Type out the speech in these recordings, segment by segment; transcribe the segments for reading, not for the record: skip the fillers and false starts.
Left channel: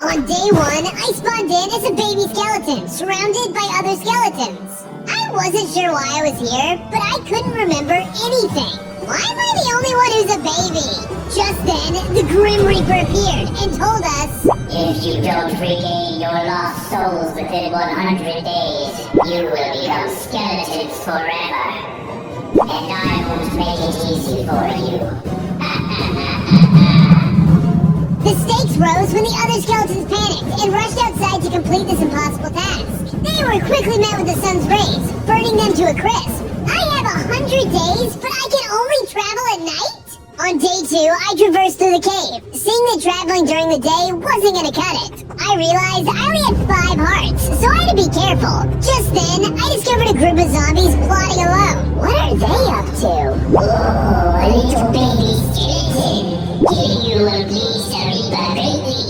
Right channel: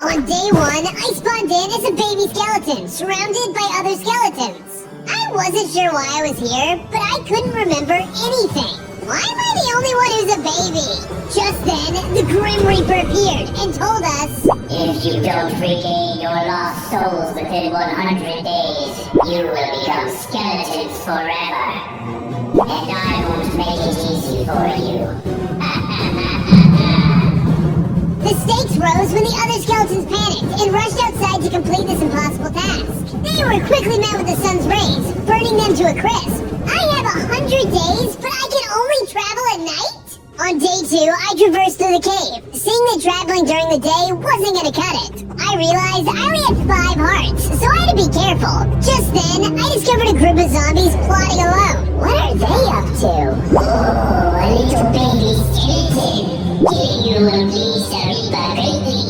On day 1, I spawned in as a baby skeleton, surrounded by other skeletons. I wasn't sure why I was here, but I couldn't remember anything. Why am I the only one who's a baby? Just then, the Grim Reaper appeared and told us, if you don't regain your lost souls within 100 days, you will become skeletons forever. And I won't make it easy for you. The stakes rose when the other skeletons panicked and rushed outside to complete this impossible task. They were quickly met with the sun's rays, burning them to a crisp. I have 100 days, but I can only travel at night? On day 2, I traversed through the cave. Seeing that traveling during the day wasn't gonna cut it. I realized I only had 5 hearts, so I had to be careful. Just then, I discovered a group of zombies plotting alone. What are they up to? Oh, a little baby skeleton. Killing you will please the Reaper greatly.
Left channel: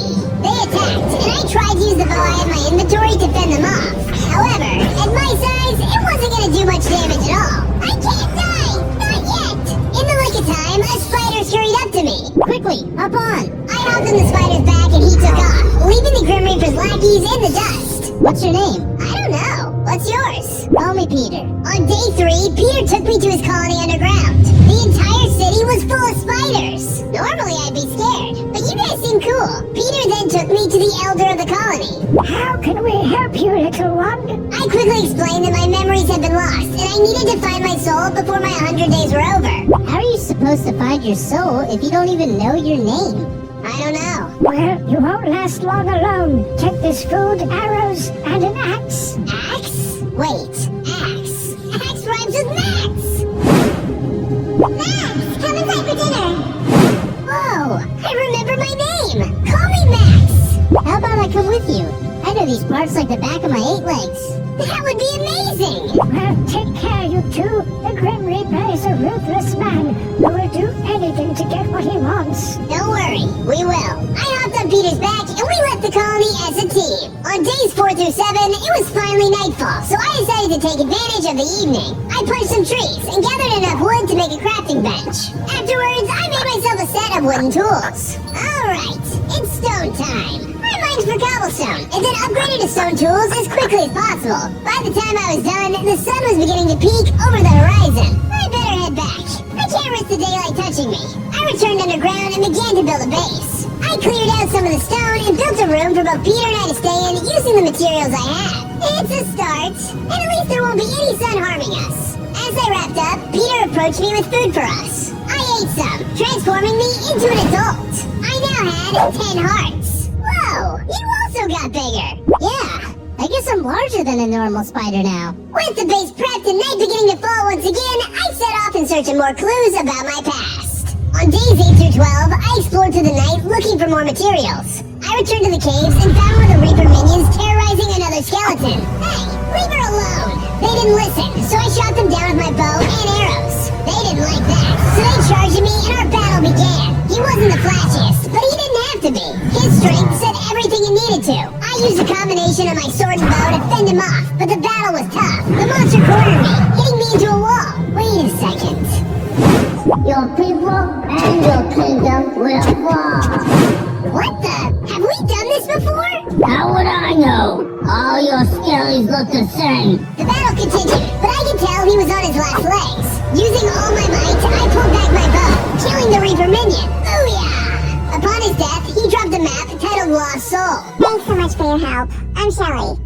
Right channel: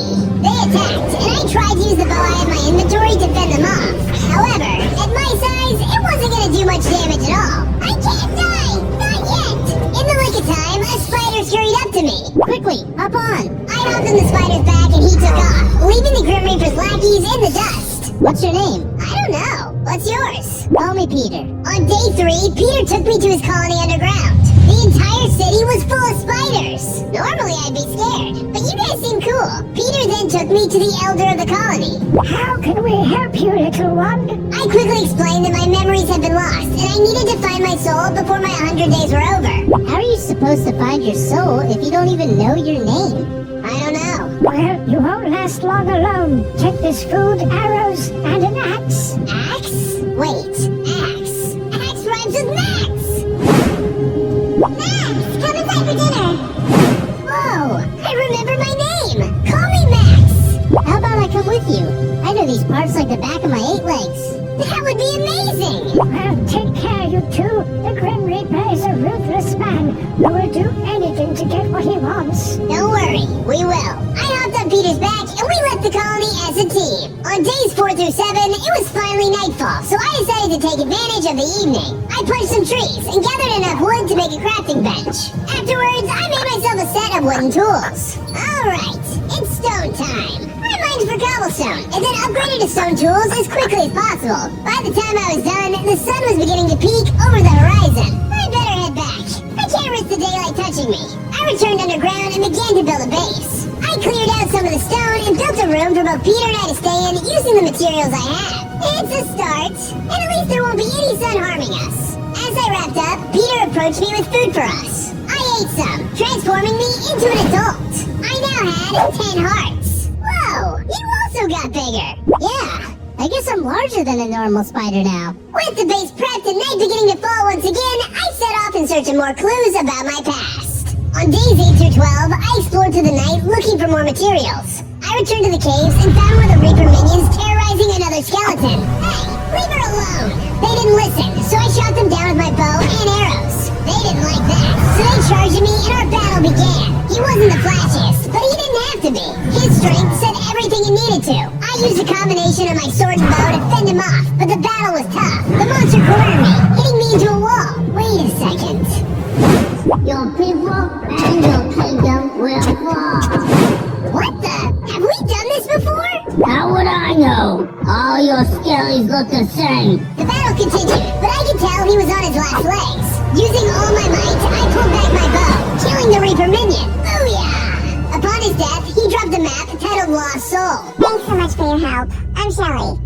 They attacked, and I tried to use the bow I had in my inventory to fend them off. However, at my size, it wasn't gonna do much damage at all. I can't die! Not yet! In the nick of time, a spider scurried up to me. Quickly, up on! I hopped on the spider's back and he took off, leaving the Grim Reaper's lackeys in the dust. What's your name? I don't know. What's yours? Call me Peter. On day 3, Peter took me to his colony underground. The entire city was full of spiders. Normally I'd be scared, but you guys seem cool. Peter then took me to the elder of the colony. How can we help you, little one? I quickly explained that my memories had been lost, and I needed to find my soul before my 100 days were over. How are you supposed to find your soul if you don't even know your name? I don't know. Well, you won't last long alone. Take this food, arrows, and an axe. Axe? Wait, axe. Axe rhymes with Max! Max, come inside for dinner! Whoa, I remember my name! Call me Max! How about I come with you? I know these parts like the back of my 8 legs. That would be amazing! Well, take care, you two. The Grim Reaper is a ruthless man who will do anything to get what he wants. Don't worry, we will. I hopped on Peter's back and we left the colony as a team. On days 4 through 7, it was finally nightfall, so I decided to take advantage of the evening. I punched some trees and gathered enough wood to make a crafting bench. Afterwards, I made myself a set of wooden tools. Alright, it's stone time. I mined for cobblestone and then upgraded to stone tools as quickly as possible. By the time I was done, the sun was beginning to peek over the horizon. I better head back. I can't risk the daylight touching me. I returned underground and began to build a base. I cleared out some of the stone and built a room for both Peter and I to stay in using the materials I had. It's a start, and at least there won't be any sun harming us. As I wrapped up, Peter approached me with food for us. I ate some, transforming me into an adult. I now had 10 hearts. Whoa, you also got bigger. Yeah, I guess I'm larger than a normal spider now. With the base prepped and night beginning to fall once again, I set off in search of more clues about my past. On days 8 through 12, I explored through the night looking for more materials. I returned to the caves and found one of the Reaper minions terrorizing another skeleton. Hey, leave her alone! They didn't listen, so I shot them down with my bow and arrows. They didn't like that, so they charged me and our battle began. He wasn't the flashiest, but he didn't have to be. His strength said everything it needed to. I used a combination of my sword and bow to fend him off, but the battle was tough. The monster cornered me, hitting me into a wall. Wait a second. Your people and your kingdom will fall. What the? Have we done this before? How would I know? All your skellies look the same. The battle continued, but I could tell he was on his last legs. Using all my might, I pulled back my bow, killing the Reaper minion. Booyah! Upon his death, he dropped a map titled Lost Soul. Thanks so much for your help. I'm Shelly.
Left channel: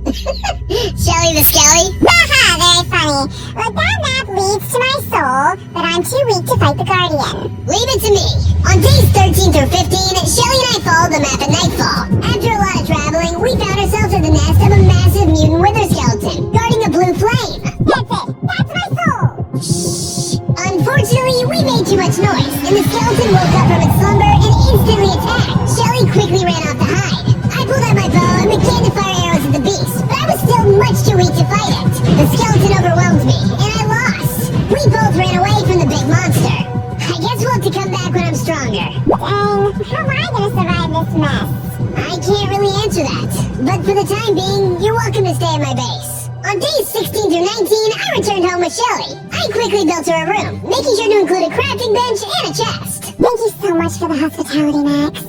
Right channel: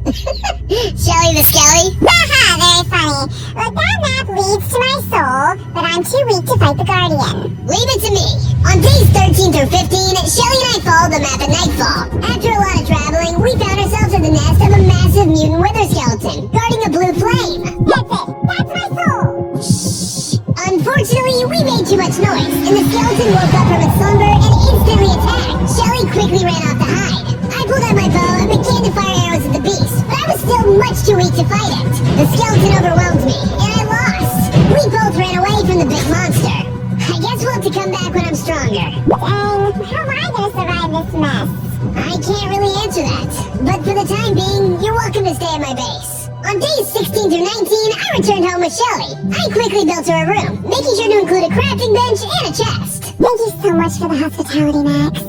Shelly the Skelly? Haha, very funny. Well, that map leads to my soul, but I'm too weak to fight the Guardian. Leave it to me. On days 13 through 15, Shelly and I followed the map at nightfall. After a lot of traveling, we found ourselves at the nest of a massive mutant wither skeleton, guarding a blue flame. That's it. That's my soul. Shh. Unfortunately, we made too much noise, and the skeleton woke up from its slumber and instantly attacked. Shelly quickly ran off to hide. I pulled out my bow and began to fire arrows at the beast, but I was still much too weak to fight it. The skeleton overwhelmed me, and I lost. We both ran away from the big monster. I guess we'll have to come back when I'm stronger. How am I gonna survive this mess? I can't really answer that, but for the time being, you're welcome to stay at my base. On days 16 through 19, I returned home with Shelly. I quickly built her a room, making sure to include a crafting bench and a chest. Thank you so much for the hospitality, Max.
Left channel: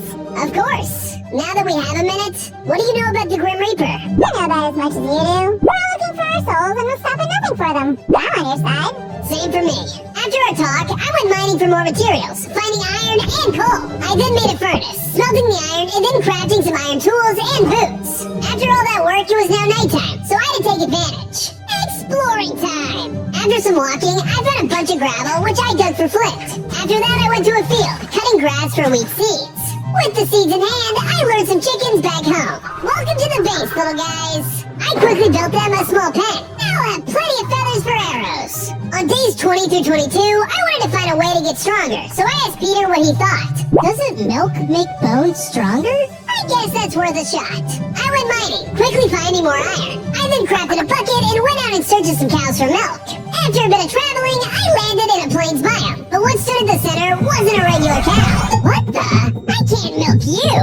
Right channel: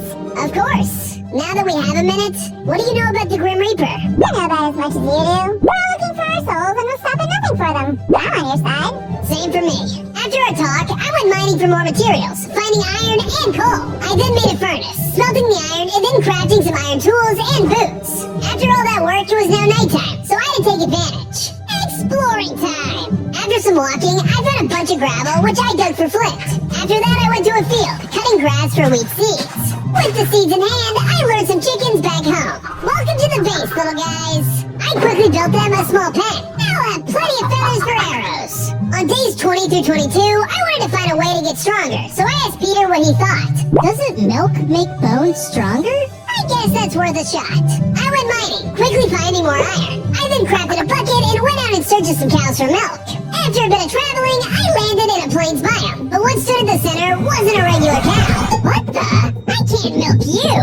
Of course. now that we have a minute, what do you know about the Grim Reaper? I know about as much as you do. We're all looking for our souls and we'll stop at nothing for them. I'm on your side. Same for me. After our talk, I went mining for more materials, finding iron and coal. I then made a furnace, smelting the iron, and then crafting some iron tools and boots. After all that work, it was now nighttime, so I had to take advantage. Exploring time! After some walking, I found a bunch of gravel, which I dug for flint. After that, I went to a field, cutting grass for wheat seeds. With the seeds in hand, I lured some chickens back home. Welcome to the base, little guys. I quickly built them a small pen. Now I'll have plenty of feathers for arrows. On days 20 through 22, I wanted to find a way to get stronger, so I asked Peter what he thought. Doesn't milk make bones stronger? I guess that's worth a shot. I went mining, quickly finding more iron. I then crafted a bucket and went out in search of some cows for milk. After a bit of traveling, I landed in a plains biome, but what stood at the center wasn't a regular cow. What the? I can't milk you!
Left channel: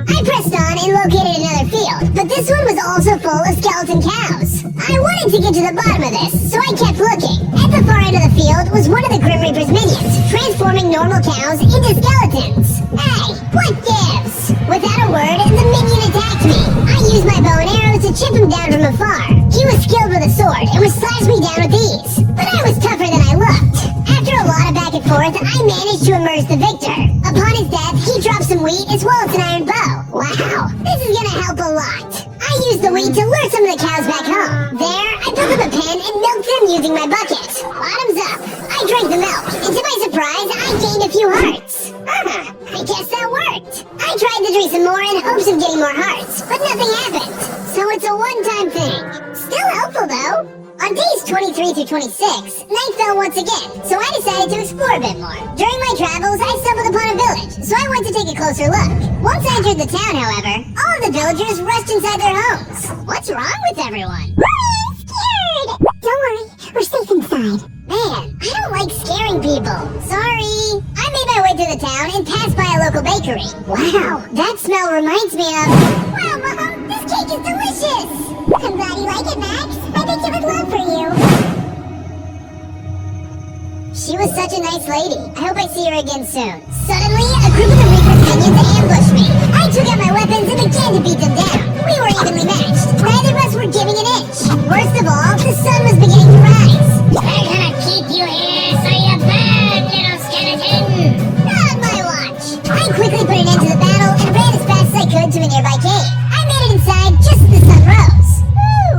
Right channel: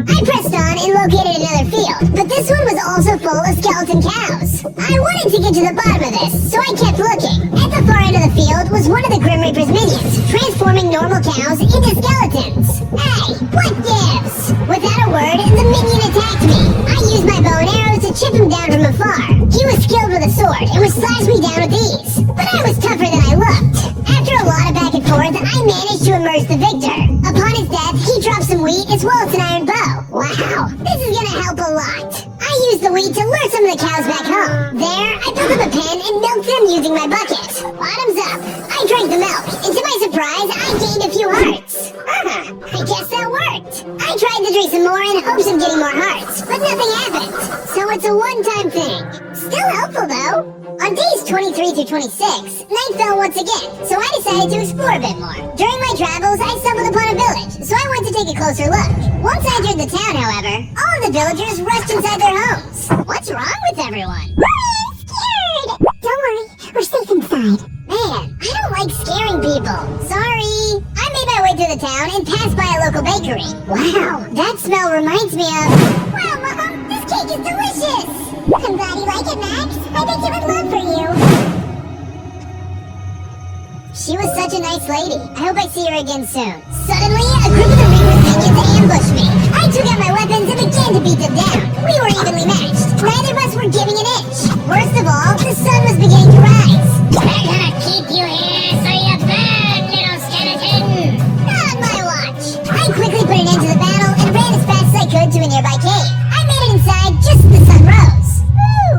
I pressed on and located another field, but this one was also full of skeleton cows. I wanted to get to the bottom of this, so I kept looking. At the far end of the field was one of the Grim Reaper's minions, transforming normal cows into skeletons. Hey, what gives? Without a word, the minion attacked me. I used my bow and arrow to chip him down from afar. He was skilled with a sword and would slash me down with ease, but I was tougher than I looked. After a lot of back and forth, I managed to emerge the victor. Upon his death, he dropped some wheat as well as an iron bow. Wow, this is gonna help a lot. I used the wheat to lure some of the cows back home. There, I built up a pen and milked them using my bucket. Bottoms up. I drank the milk, and to my surprise, I gained a few hearts. I guess that worked. I tried to drink some more in hopes of getting more hearts, but nothing happened. So it's a one-time thing. Still helpful though. On days 23 through 26, night fell once again, so I decided to explore a bit more. During my travels, I stumbled upon a village, so I went to take a closer look. Once I entered the town, however, all of the villagers rushed inside their homes. What's wrong with everyone? We're scared! Don't worry, we're safe inside. Man, I don't like scaring people. Sorry. I made my way through the town and passed by a local bakery. Wow, that smell reminds me of... Wow, Mom, this cake is delicious! I'm glad you like it, Max. I baked it with love for you. She was such a nice lady. I hope I see her again soon. Suddenly, a group of the Reaper's minions ambushed me. I took out my weapons and began to beat them down. We were evenly matched. Neither of us were giving an inch. Worst of all, the sun was beginning to rise. We're gonna keep you here so you burn, little skeleton! Not my watch. I quickly put an end to the battle and ran as fast as I could to a nearby cave. I made it inside just as the sun rose.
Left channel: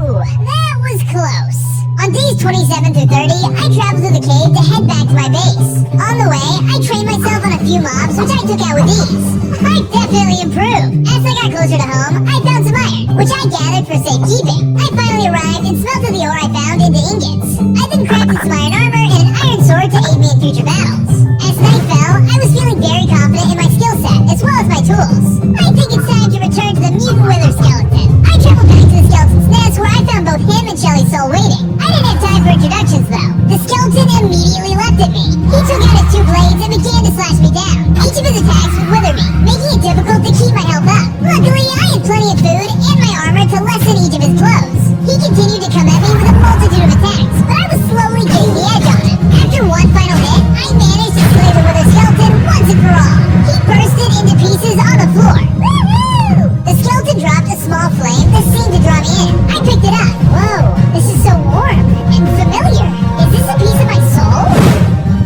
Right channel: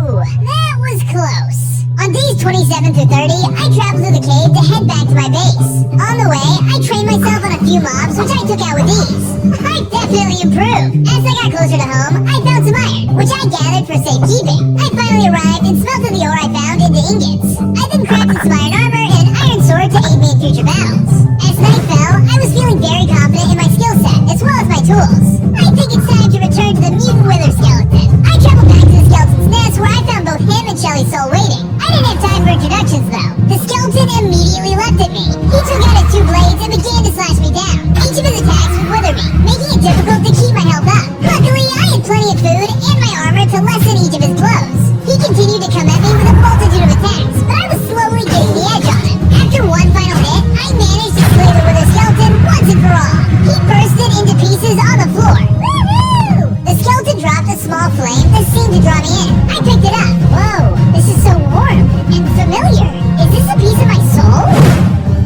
Ooh, that was close. On days 27 through 30, I traveled through the cave to head back to my base. On the way, I trained myself on a few mobs, which I took out with ease. I definitely improved. As I got closer to home, I found some iron, which I gathered for safekeeping. I finally arrived and smelted the ore I found into ingots. I then crafted some iron armor and an iron sword to aid me in future battles. As night fell, I was feeling very confident in my skill set, as well as my tools. I think it's time to return to the mutant wither skeleton. I traveled back to the skeleton's nest, where I found both him and Shelly's soul waiting. I didn't have time for introductions, though. The skeleton immediately leapt at me. He took out his two blades and began to slash me down. Each of his attacks would wither me, making it difficult to keep my health up. Luckily, I had plenty of food and my armor to lessen each of his blows. He continued to come at me with a multitude of attacks, but I was slowly getting the edge on him. After one final hit, I managed to slay the wither skeleton once and for all. He bursted into pieces on the floor. Woohoo! The skeleton dropped a small flame that seemed to draw me in. I picked it up. Whoa, this is so warm and familiar. Is this a piece of my soul?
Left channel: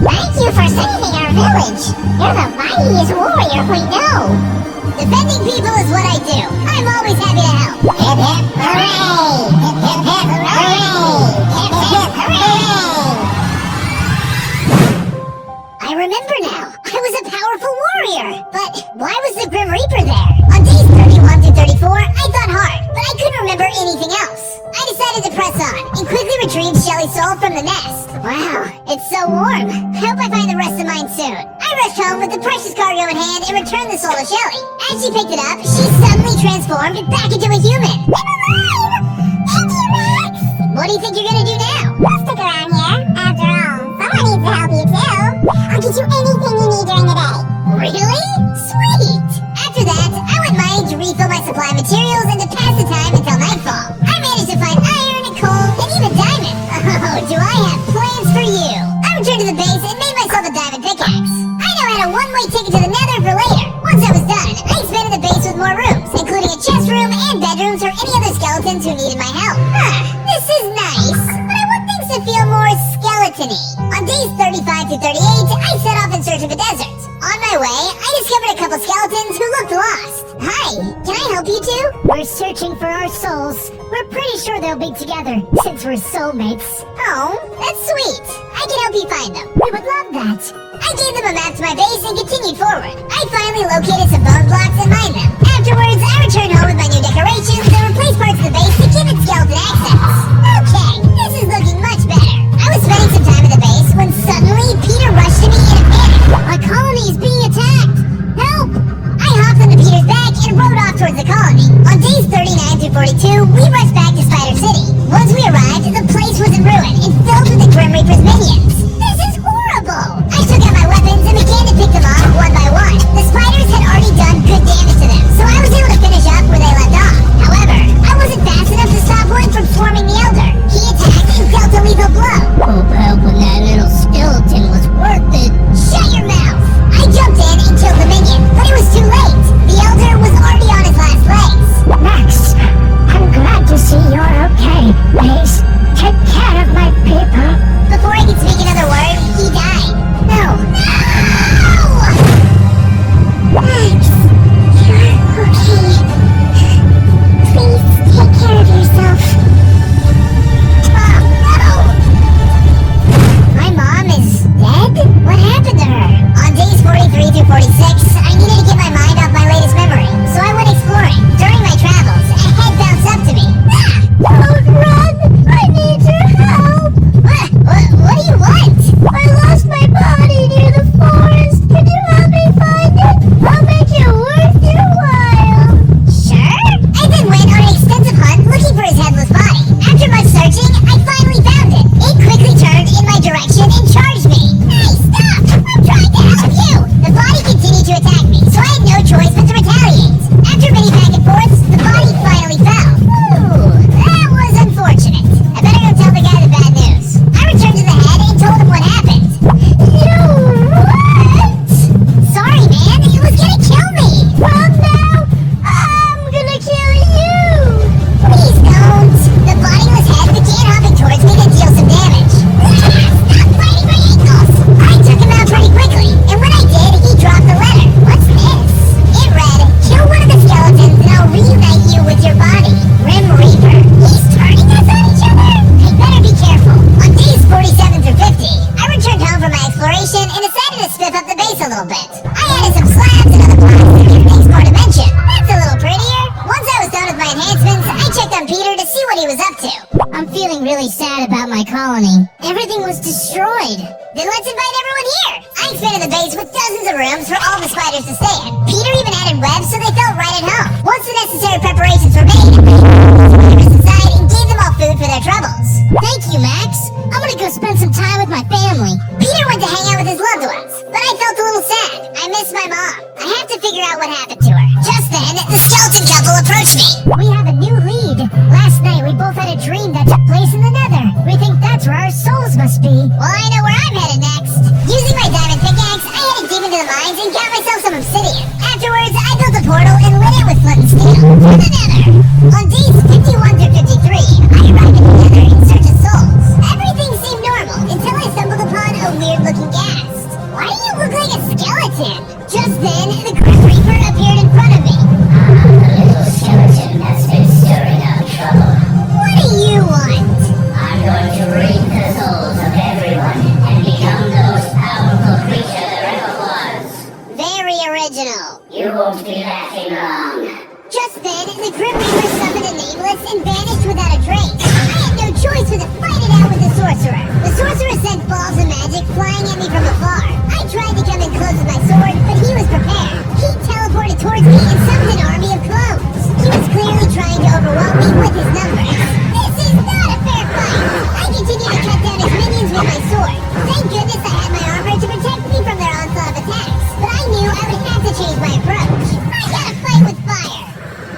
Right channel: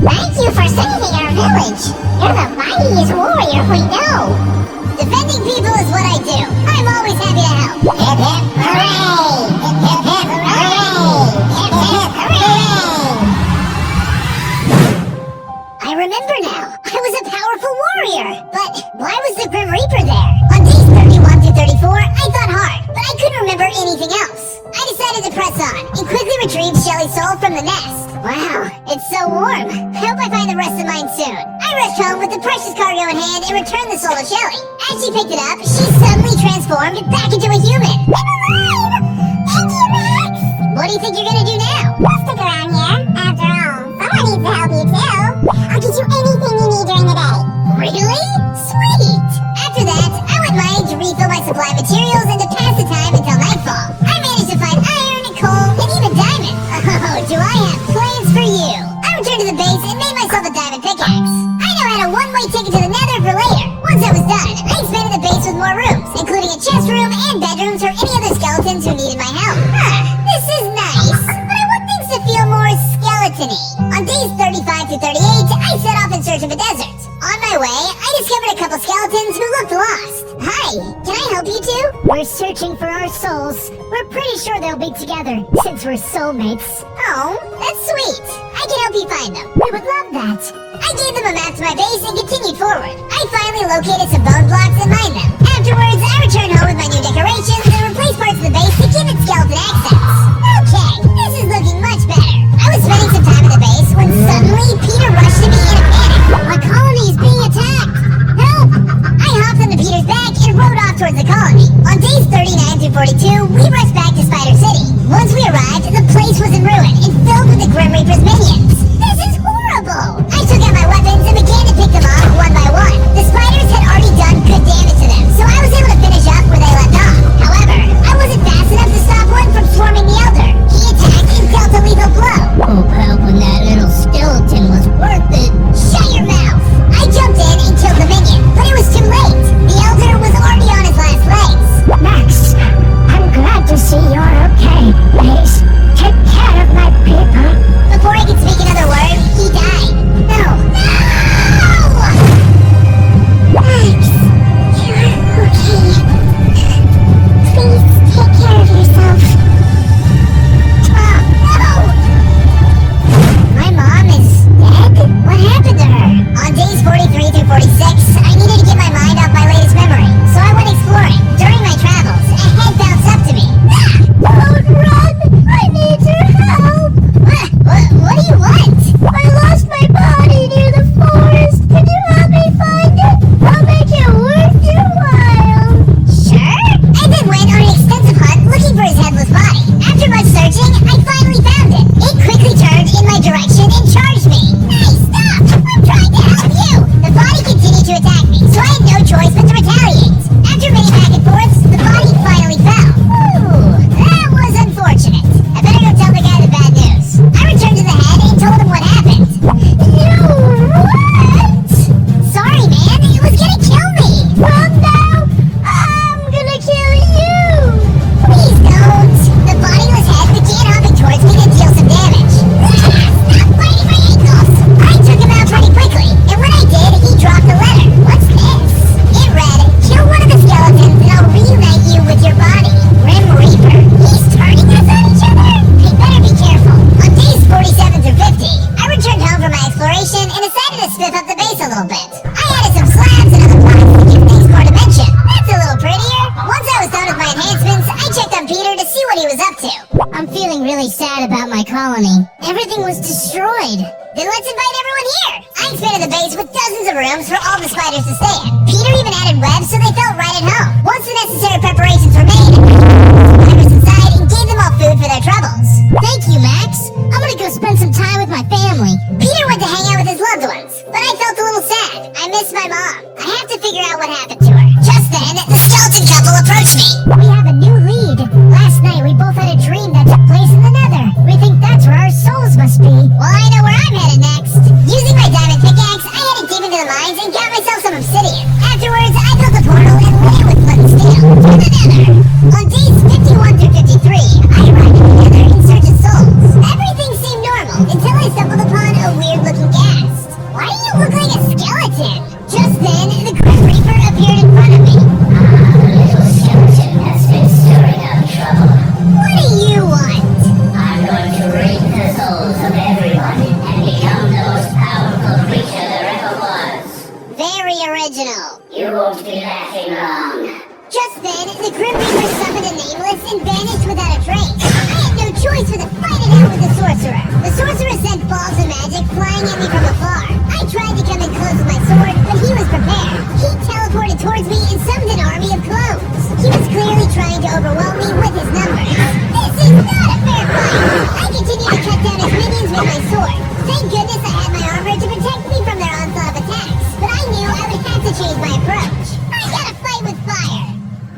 Thank you for saving our village. You're the mightiest warrior we know. Defending people is what I do. I'm always happy to help. Hip hip hooray! Hip hip hip hooray! Hip hip hooray! I remember now. I was a powerful warrior. But why was the Grim Reaper there? On days 31 through 34, I thought hard, but I couldn't remember anything else. I decided to press on and quickly retrieved Shelly's soul from the nest. Wow, it's so warm. I hope I find the rest of mine soon. I rushed home with the precious cargo in hand and returned the soul to Shelly. As she picked it up, she suddenly transformed back into a human. I'm alive! Thank you, Max! What do you think you're gonna do now? We'll stick around here. After all, someone needs to help you too. I'll get you anything you need during the day. Really? Sweet! After that, I went mining to refill my supply of materials and to pass the time until nightfall. I managed to find iron and coal and even diamond. Oh, do I have plans for you! I returned to the base and made myself a diamond pickaxe. I now had a one-way ticket to the nether Once I was done, I expanded the base with more rooms, including a chest room and bedrooms for any other skeletons who needed my help. This is nice, but I want things to feel more skeleton-y. On days 35 to 38, I set off in search of a desert. On my way, I discovered a couple skeletons who looked lost. Hi, can I help you two? We're searching for our souls. We're pretty sure they'll be together, since we're soulmates. Oh, that's sweet. I can help you find them. We would love that. I gave them a map to my base and continued forward. I finally located some bone blocks and mined them. Afterwards, I returned home with my new decorations and replaced parts of the base to give it skeleton accents. Okay, this is looking much better. I was spending some time at the base when suddenly Peter rushed to me in a panic. My colony is being attacked! Help! I hopped onto Peter's back and rode off towards the colony. On days 39 through 42, we rushed back to Spider City. Once we arrived, the place was in ruin and filled with the Grim Reaper's minions. This is horrible! I took out my weapons and began to pick them off one by one. The spiders had already done good damage to them, so I was able to finish up where they left off. However, I wasn't fast enough to stop one from swarming the Elder. He attacked and dealt a lethal blow. Hoping that little skeleton was worth it. Shut your mouth! I jumped in and killed the minion, but it was too late. The Elder was already on his last legs. Max, I'm glad to see you're okay. Please, take care of my people. Before I could speak another word, he died. No! Max, you're okay. Please, take care of yourself. Oh, no! My mom is dead? What happened to her? On days 43 through 46, I needed to get my mind off my latest memory, so I went exploring. During my travels, a head bounced up to me. Don't run! I need your help! What do you want? I lost my body near the forest. Can you help me find it? I'll make it worth your while. Sure. I then went on an extensive hunt looking for his headless body. After much searching, I finally found it. It quickly turned in my direction and charged me. Hey, stop! I'm trying to help you! The body continued to attack me, so I had no choice but to retaliate. After many back and forths, the body finally fell. Ooh, that was unfortunate. I better go tell the guy the bad news. I returned to the head and told him what happened. You what? Sorry, man. It was gonna kill me. Well, now I'm gonna kill you. Please don't. The bodiless head began hopping towards me to deal some damage. Stop biting my ankles. I took him out pretty quickly, and when I did, he dropped the letter. What's this? It read, kill one of the skeletons and I'll reunite you with your body. Grim Reaper. He's turning us on each other. We better be careful. On days 47 through 50, I returned home from my exploration and decided to spiff up the base a little bit. I added some slabs and other blocks to give things more dimension. That's a little prettier. Once I was done with my enhancements, I checked on Peter to see what he was up to. I'm feeling really sad about my colony. Everything was destroyed. Then let's invite everyone here. I expanded the base with dozens of rooms for all the spiders to stay in. Peter even added webs so they felt right at home. Once the necessary preparations were made, I put the spiders inside and gave them all food for their troubles. Thank you, Max. I'm gonna go spend some time with my family. Peter went to hang out with his loved ones, but I felt a little sad. I miss my mom. I have to figure out what happened to her. Just then, the skeleton couple approached me. We have a new lead. Last night we both had a dream that took place in the Nether. We think that's where our souls must be. Well, I know where I'm headed next. Using my diamond pickaxe, I headed deep into the mines and got myself some obsidian. Afterwards, I built a portal and lit it with flint and steel to the Nether. On days 51 through 53, I arrived at the Nether in search of souls. Everything seemed normal until I stumbled upon a weird-looking ghast. Why do you look like a skeleton? Just then, the Grim Reaper appeared in front of me. The little skeleton has been stirring up trouble. What do you want? I'm going to reap the souls of everyone and become the most powerful creature there ever was. Very original. You won't be laughing long. Just then, the Grim Reaper summoned a nameless and vanished without a trace. I had no choice but to fight it out with the sorcerer. The sorcerer sent balls of magic flying at me from afar. I tried to come in close with my sword, but he was prepared. He teleported towards me and summoned an army of clones. He was clearly trying to overwhelm me with his numbers. This is not a fair fight. I continued to cut down his minions with my sword. Thank goodness I had my armor to protect me from their onslaught of attacks. But I knew I would have to change my approach. I gotta fight with fire.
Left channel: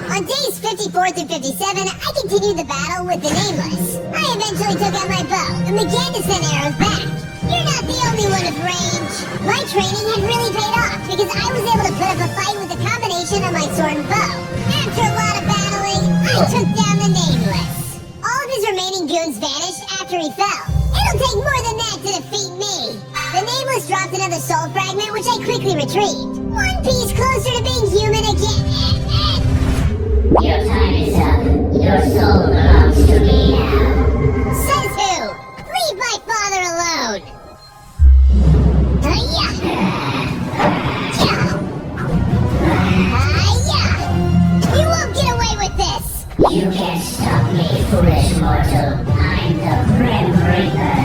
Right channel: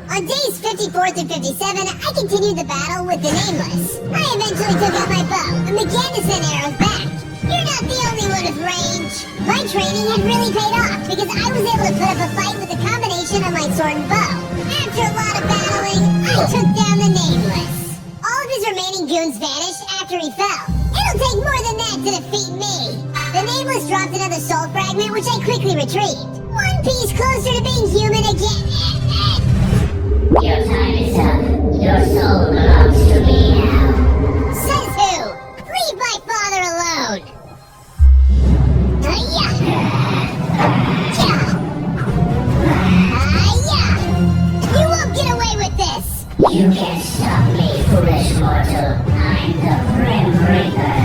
On days 54 through 57, I continued the battle with the Nameless. I eventually took out my bow and began to send arrows back. You're not the only one with range. My training had really paid off because I was able to put up a fight with a combination of my sword and bow. After a lot of battling, I took down the Nameless. All of his remaining goons vanished after he fell. It'll take more than that to defeat me. The Nameless dropped another soul fragment, which I quickly retrieved. One piece closer to being human again. Your time is up. Your soul belongs to me now. Says who? Leave my father alone. Yeah. You won't get away with this. You can't stop me, foolish mortal. I'm the Grim Reaper.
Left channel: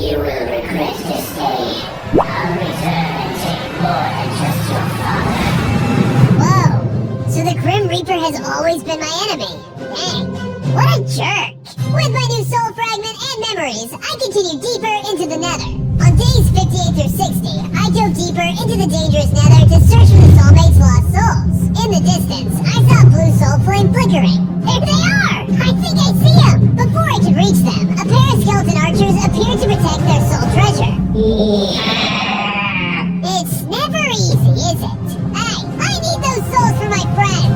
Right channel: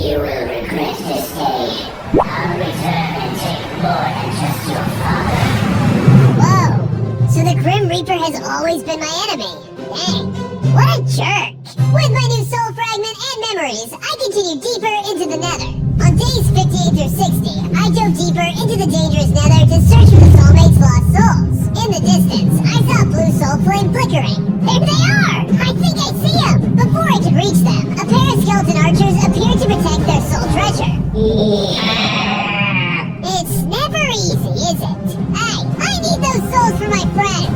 You will regret this day. I'll return and take more than just your father. Whoa. So the Grim Reaper has always been my enemy. Dang. What a jerk. With my new soul fragment and memories, I continue deeper into the nether. On days 58 through 60, I dove deeper into the dangerous nether to search for the soulmate's lost souls. In the distance, I saw a blue soul flame flickering. There they are! I think I see them! Before I could reach them, a pair of skeleton archers appeared to protect their soul treasure. It's never easy, is it? Hey, I need those souls for my friends!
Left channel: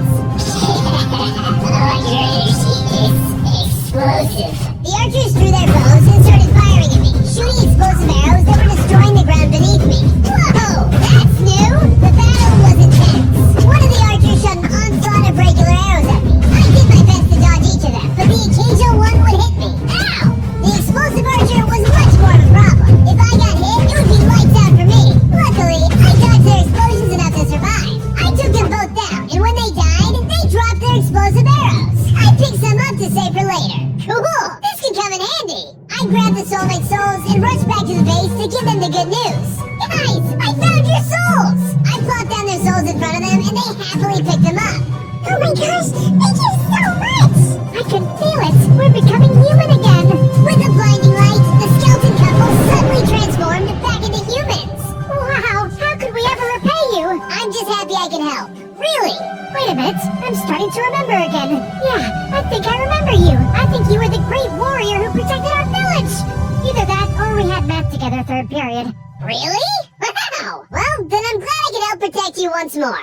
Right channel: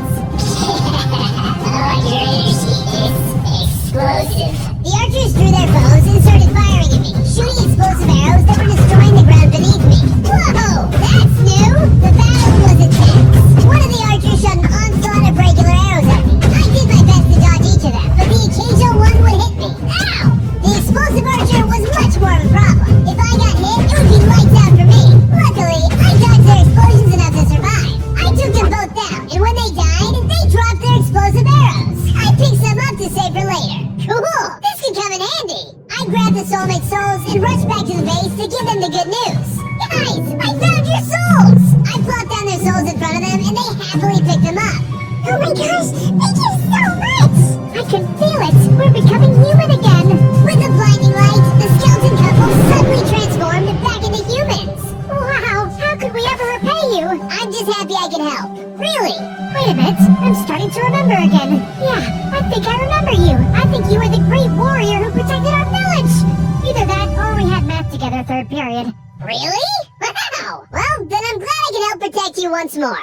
Explosive. The archers drew their bows and started firing at me, shooting explosive arrows that were destroying the ground beneath me. Whoa, that's new! The battle was intense. One of the archers shot an onslaught of regular arrows at me. I did my best to dodge each of them, but the occasional one would hit me. Ow! The explosive archer was much more of a problem. If I got hit, it would be lights out for me. Luckily, I dodged their explosions enough to survive. I took them both down, and when they died, they dropped their explosive arrows. I picked some up to save for later. Cool! This could come in handy! I grabbed the soulmate souls and rushed back to the base to give them the good news. Guys, I found your souls! I plopped down their souls in front of them and they happily picked them up. Oh my gosh, thank you so much! I can feel it! We're becoming human again! With the blinding light, the skeleton couple suddenly transformed back into humans. Wow, how could we ever repay you? I'm just happy I can help. Really. Wait a bit, I'm starting to remember again. Yeah, I think I remember you. I think you were the great warrior who protected our village. Either that or we had math together third period. Really? Wow! Well, then I'm glad I can help protect you once more.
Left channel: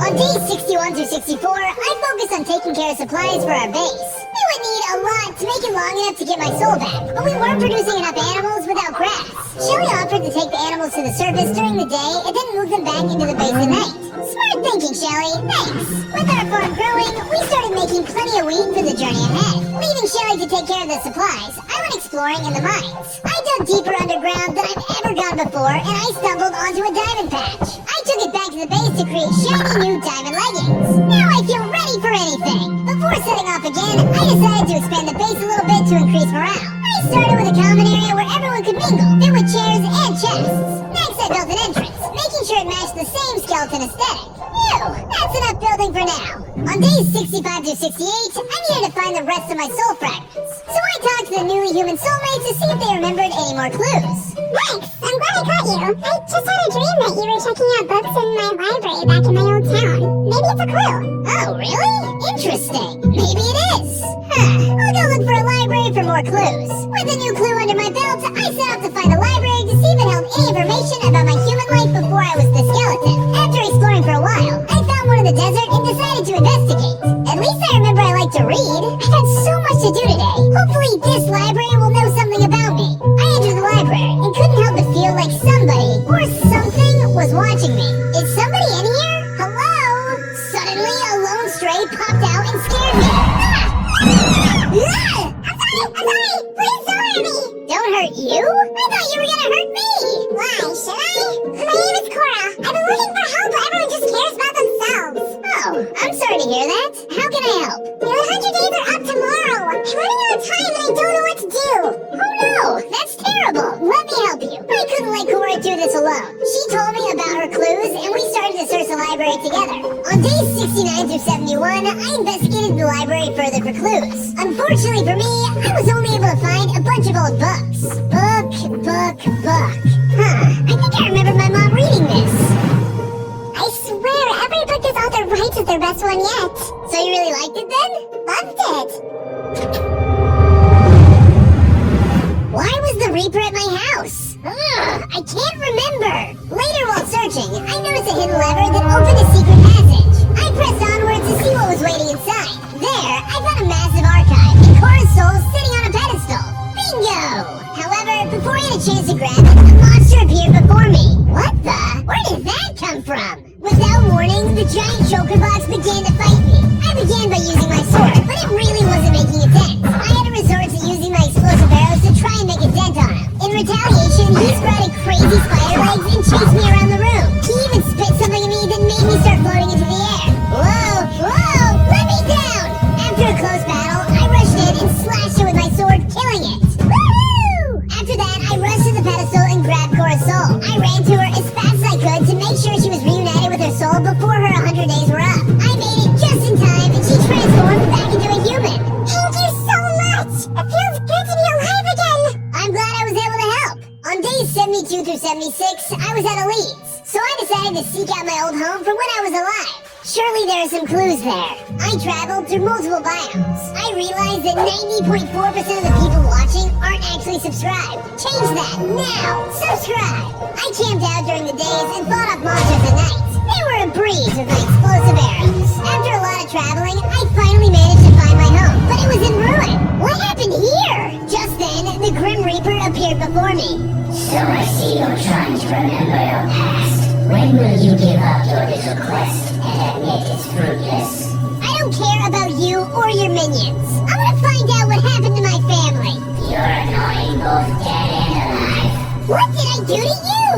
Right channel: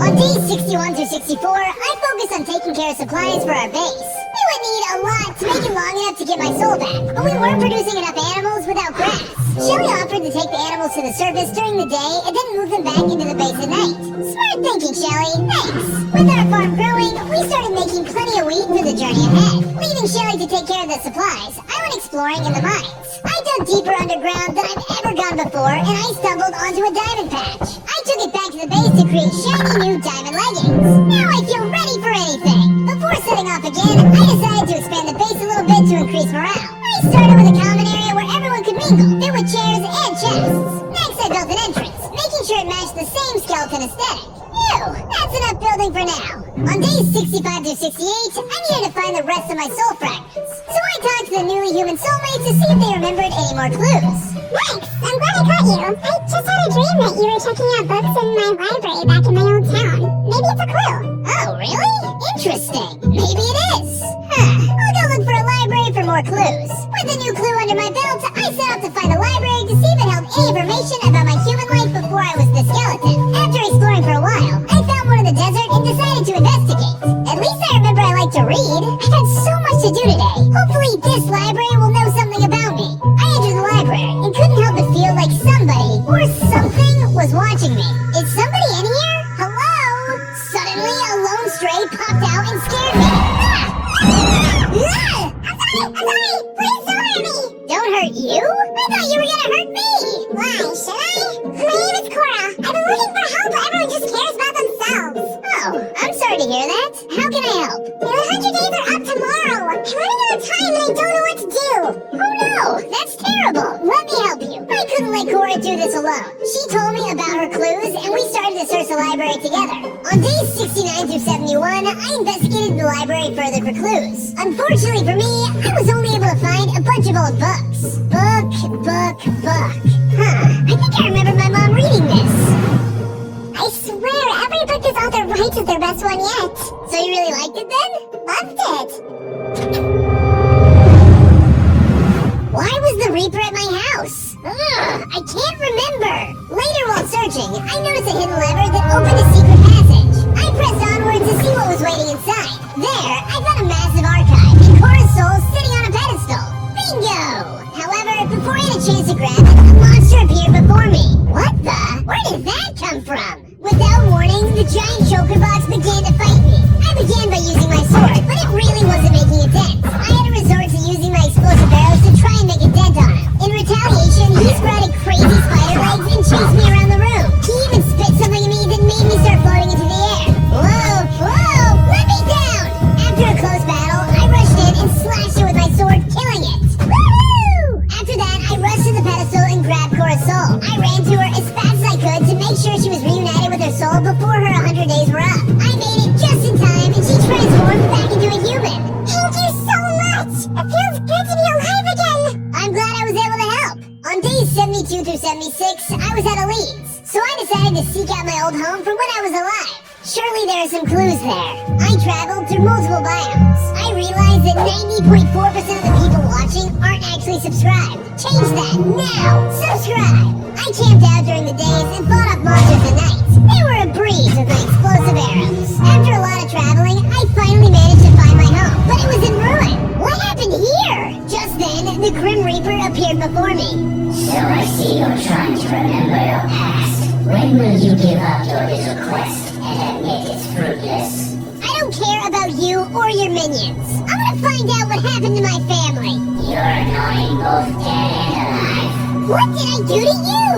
On days 61 through 64, I focused on taking care of supplies for our base. We would need a lot to make it long enough to get my soul back, but we weren't producing enough animals without grass. Shelly offered to take the animals to the surface during the day and then move them back into the base at night. Smart thinking, Shelly. Thanks. With our farm growing, we started making plenty of wheat for the journey ahead. Leaving Shelly to take care of the supplies, I went exploring in the mines. I dug deeper underground than I've ever gone before, and I stumbled onto a diamond patch. I took it back to the base to create shiny new diamond leggings. Now I feel ready for anything. Before setting off again, I decided to expand the base a little bit to increase morale. I started with a common area where everyone could mingle. There were chairs and chests. Next, I built an entrance, making sure it matched the same skeleton aesthetic. Phew, that's enough building for now. On days 65 to 68, I needed to find the rest of my soul fragments. So I talked to the newly human soulmates to see if they remembered any more clues. Thanks! I'm glad I caught you. I just had a dream that you were checking out books in my library back in my old town. Maybe it's a clue. Oh, really? Interesting. Maybe it is. I'll go look for a library for more clues. With a new clue under my belt, I set out to find the library to see if it held any information about my human life before I was the skeleton. After exploring for a while, I found one in the desert and decided to investigate. At least I remember I like to read. I've had so much to do today. Hopefully this library will know something about me. I entered the library and couldn't help but feel like somebody or something was watching me. Is somebody in here? Hello? Suddenly a lone stray popped out and scared me. I'm sorry! Please don't hurt me! Don't hurt you? I thought you were gonna hurt me. Why, should I? My name is Cora. I've been looking for help, but everyone just cares about themselves. Oh, I'm sorry to hear that. How can I help? The 100 days are up tomorrow. I'm running out of time and I don't know what to do. Oh no, that's terrible. Let me help you. I couldn't let Cora do this alone. She told me about her clues and we started to search the library together. On days 69 through 71, I investigated the library further for clues. Unfortunately for me, I was only able to find a bunch of old books. Book. I think I remember my mom reading this. I swear, every book this author writes is their best one yet. So you really liked it then? Loved it. the Reaper at my house? Ugh, I can't remember. Later while searching, I noticed a hidden lever that opened a secret passage. I pressed onward to see what was waiting inside. There, I found a massive archive and Cora's soul sitting on a pedestal. Bingo! However, before I had a chance to grab it, a monster appeared before me. What the? Where did that come from? Without warning, the giant choker blocks began to fight me. I began by using my sword, but it really wasn't making a dent. I had to resort to using my explosive arrows to try and make a dent on him. In retaliation, he sprouted crazy spider legs and chased me around the room. He even spit something at me that made me start floating into the air. Whoa! Whoa! Let me down! After a close battle, I rushed in and slashed it with my sword, killing it. Woohoo! After that, I rushed to the pedestal and grabbed Cora's soul. I ran to her as fast as I could to make sure she was reunited with her soul before her 100 days were up. I made it just in time, and she transformed back into a human. Thank you so much! It feels good to be alive again! I'm glad I was able to help. On days 72 through 76, I was out of leads, so I decided to seek out my old home from when I was alive. Surely there are some clues there. I traveled through multiple biomes. I realized that 90.4% of the people watching aren't actually subscribed. Change that now! Subscribe! I camped out during the days and fought off monsters at night. They were a breeze with my explosive arrows. After a lot of traveling, I finally managed to find my home, but it was in ruin. What happened here? Just then, the Grim Reaper appeared before me. So I see you're trying to remember your past. When will you give up your little quest and admit it's fruitless? I don't care about you or your minions. I'm gonna find out what happened to my family. You're annoying both dead and alive. What did I do to you?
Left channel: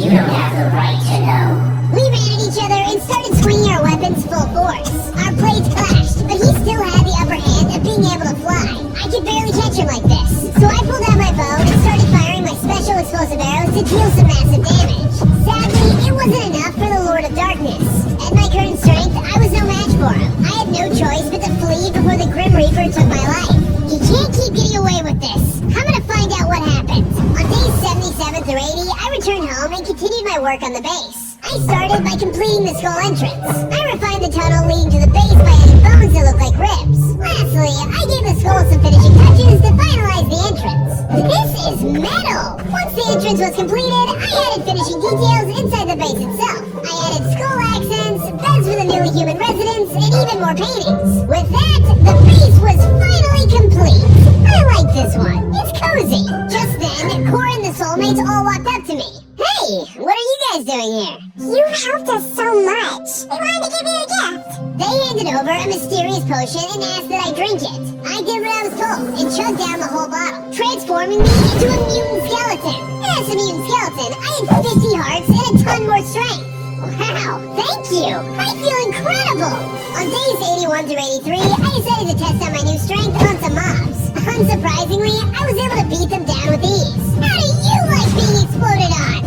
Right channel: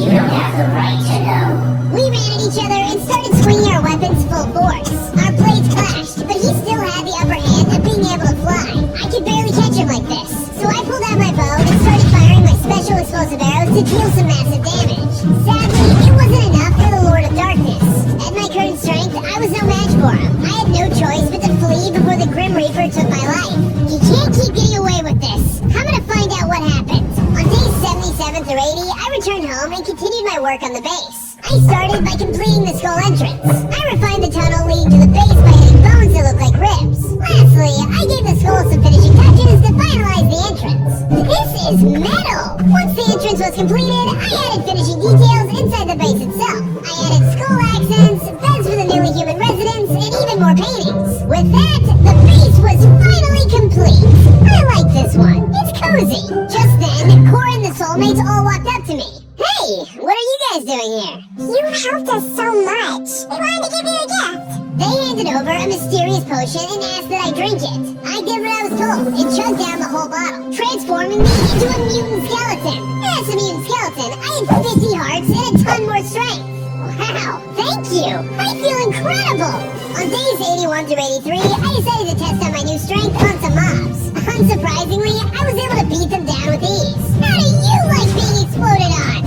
You don't have the right to know. We ran at each other and started swinging our weapons full force. Our blades clashed, but he still had the upper hand of being able to fly. I could barely catch him like this. So I pulled out my bow and started firing my special explosive arrows to deal some massive damage. Sadly, it wasn't enough for the Lord of Darkness. At my current strength, I was no match for him. I had no choice but to flee before the Grim Reaper took my life. You can't keep getting away with this. I'm gonna find out what happened. On days 77 through 80, I returned home and continued my work on the base. I started by completing the skull entrance. I refined the tunnel leading to the base by adding bones that look like ribs. Lastly, I gave the skull some finishing touches to finalize the entrance. This is metal! Once the entrance was completed, I added finishing details inside the base itself. I added skull accents, beds for the newly human residents, and even more paintings. With that, the base was finally complete. I like this one. It's cozy. Just then, Cora and the soulmates all walked up to me. Hey, what are you guys doing here? You helped us so much! We wanted to give you a gift! They handed over a mysterious potion and asked that I drink it. I did what I was told and chugged down the whole bottle, transforming me into a mutant skeleton. As a mutant skeleton, I had 50 hearts and a ton more strength. Wow, thank you! I feel incredible! On days 81 through 83, I decided to test out my new strength on some mobs. Unsurprisingly, I was able to beat them down with ease. How do you like being exploded on?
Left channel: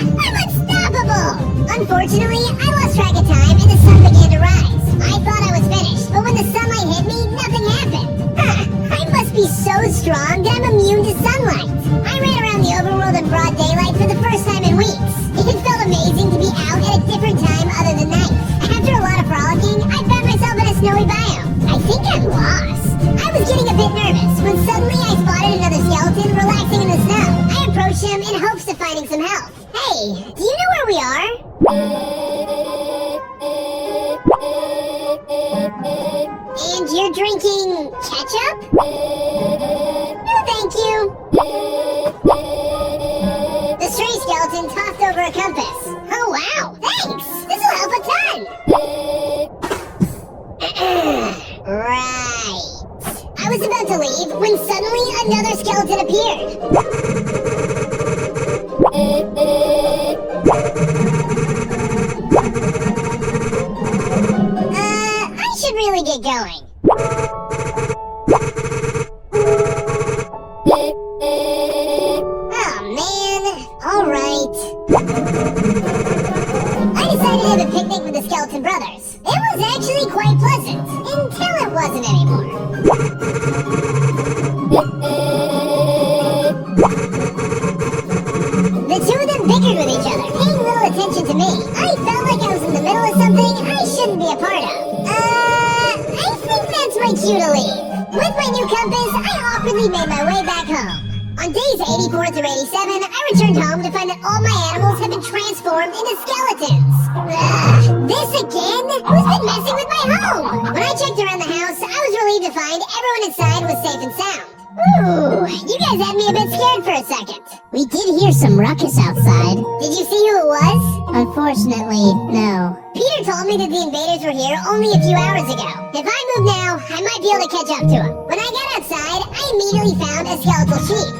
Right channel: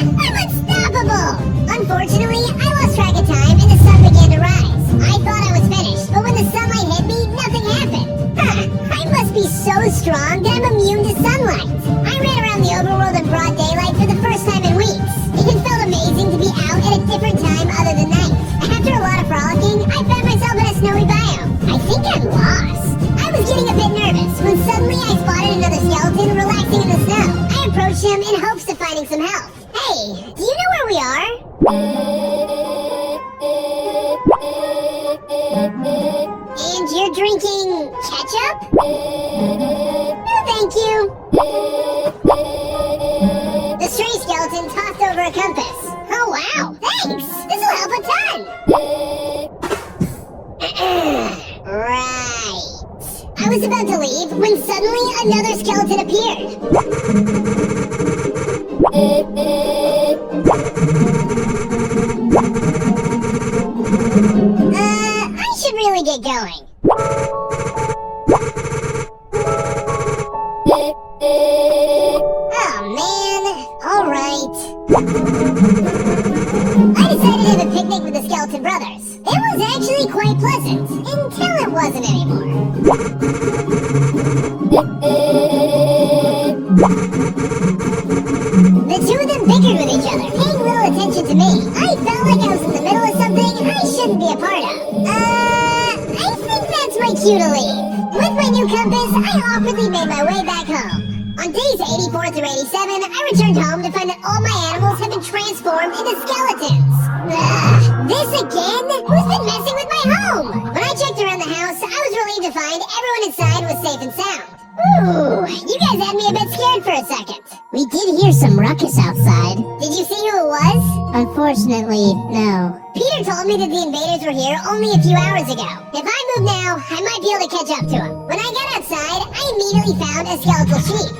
I'm unstoppable! Unfortunately, I lost track of time and the sun began to rise. I thought I was finished, but when the sunlight hit me, nothing happened. I must be so strong that I'm immune to sunlight. I ran around the overworld at broad daylight for the first time in weeks. It felt amazing to be out at a different time other than night. After a lot of frolicking, I found myself in a snowy biome. I think I'm lost. I was getting a bit nervous when suddenly I spotted another skeleton relaxing in the snow. I approached him in hopes of finding some help. Hey, do you know where we are? And you're drinking ketchup? No, thank you. The stray skeleton tossed over a compass. Oh, wow, thanks. This will help a ton. Right. I was about to leave when suddenly another skeleton appeared. I should really get going. Oh man, alright. I decided to have a picnic with the Skeleton Brothers. It was actually quite pleasant, until it wasn't anymore. The two of them bickered with each other, paying little attention to me. I felt like I was in the middle of something I shouldn't be a part of. I think that's my cue to leave. With my new compass, I awkwardly made my way back home. On days 84 through 87, I returned home to find that all my animals had been transformed into skeletons. Ugh, this again? Who's been messing with my home? When I checked around the house, I was relieved to find everyone inside was safe and sound. Ooh, you guys had me a bit scared for a second. We did hear some ruckus outside. Did you see who it was? Unfortunately, no. Peter told me that the invaders were here only a few hours ago. If I move now, I might be able to catch up to them. When I got outside, I immediately found a skeletal sheep.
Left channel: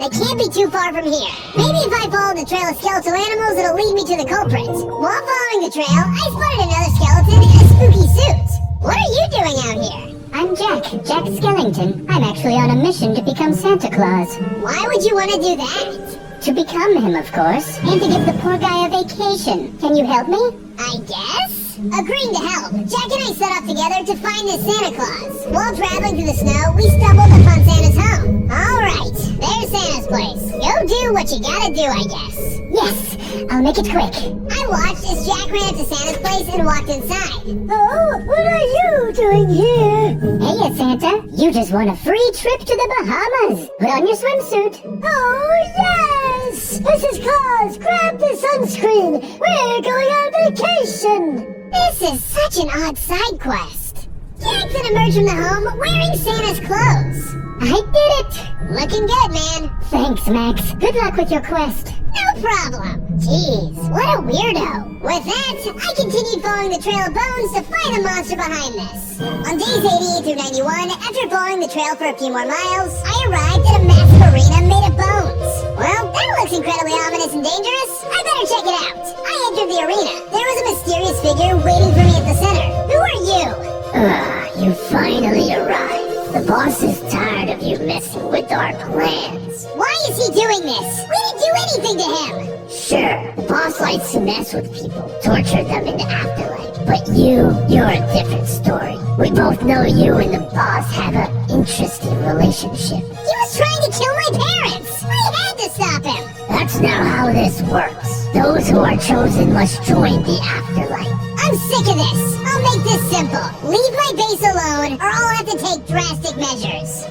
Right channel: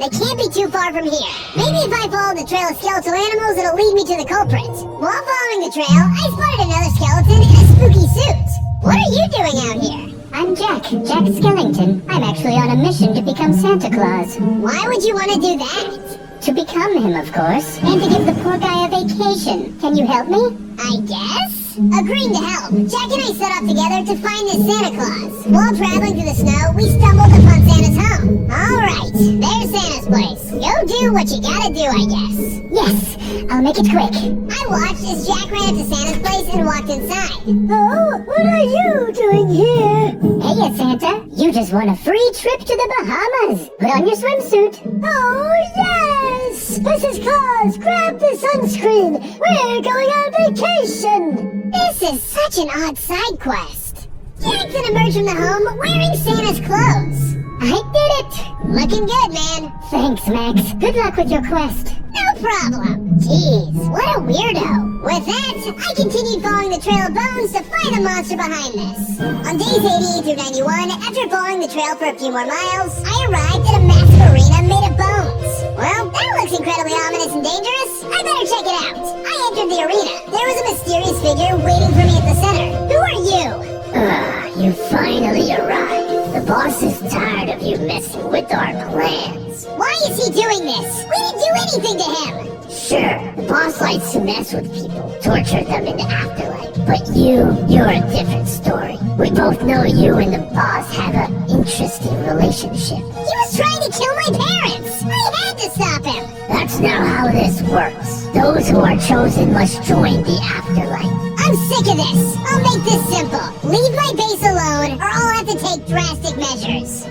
They can't be too far from here. Maybe if I follow the trail of skeletal animals, it'll lead me to the culprit. While following the trail, I spotted another skeleton in a spooky suit. What are you doing out here? I'm Jack Skellington. I'm actually on a mission to become Santa Claus. Why would you want to do that? To become him, of course. I have to give the poor guy a vacation. Can you help me? I guess? Agreeing to help, Jack and I set off together to find this Santa Claus. While traveling through the snow, we stumbled upon Santa's home. Alright, there's Santa's place. Go do what you gotta do, I guess. Yes, I'll make it quick. I watched as Jack ran up to Santa's place and walked inside. Oh, what are you doing here? Hey, Santa. You just won a free trip to the Bahamas. Put on your swimsuit. Oh, yes! Mrs. Claus, grab the sunscreen. We're going on vacation. This is such an odd side quest. Jack then emerged from the home wearing Santa's clothes. I did it. Looking good, man. Thanks, Max. Good luck with your quest. No problem. Jeez, what a weirdo. With that, I continued following the trail of bones to find the monster behind this. On days 88 through 91, after following the trail for a few more miles, I arrived at a massive arena made of bones. Well, that looks incredibly ominous and dangerous. I better check it out. I entered the arena. There was a mysterious figure waiting for me at the center. Who are you? You finally arrived. The boss is tired of you messing with our plans. Why is he doing this? We didn't do anything to him. Sure, the boss likes to mess with people, torture them in the afterlife. But you're a different story. We both know you and the boss have an interesting relationship. He was trying to kill my parents. I had to stop him. That's not how this works. Those who are chosen must join the afterlife. I'm sick of this. I'll make this simple. Leave my base alone, or I'll have to take drastic measures.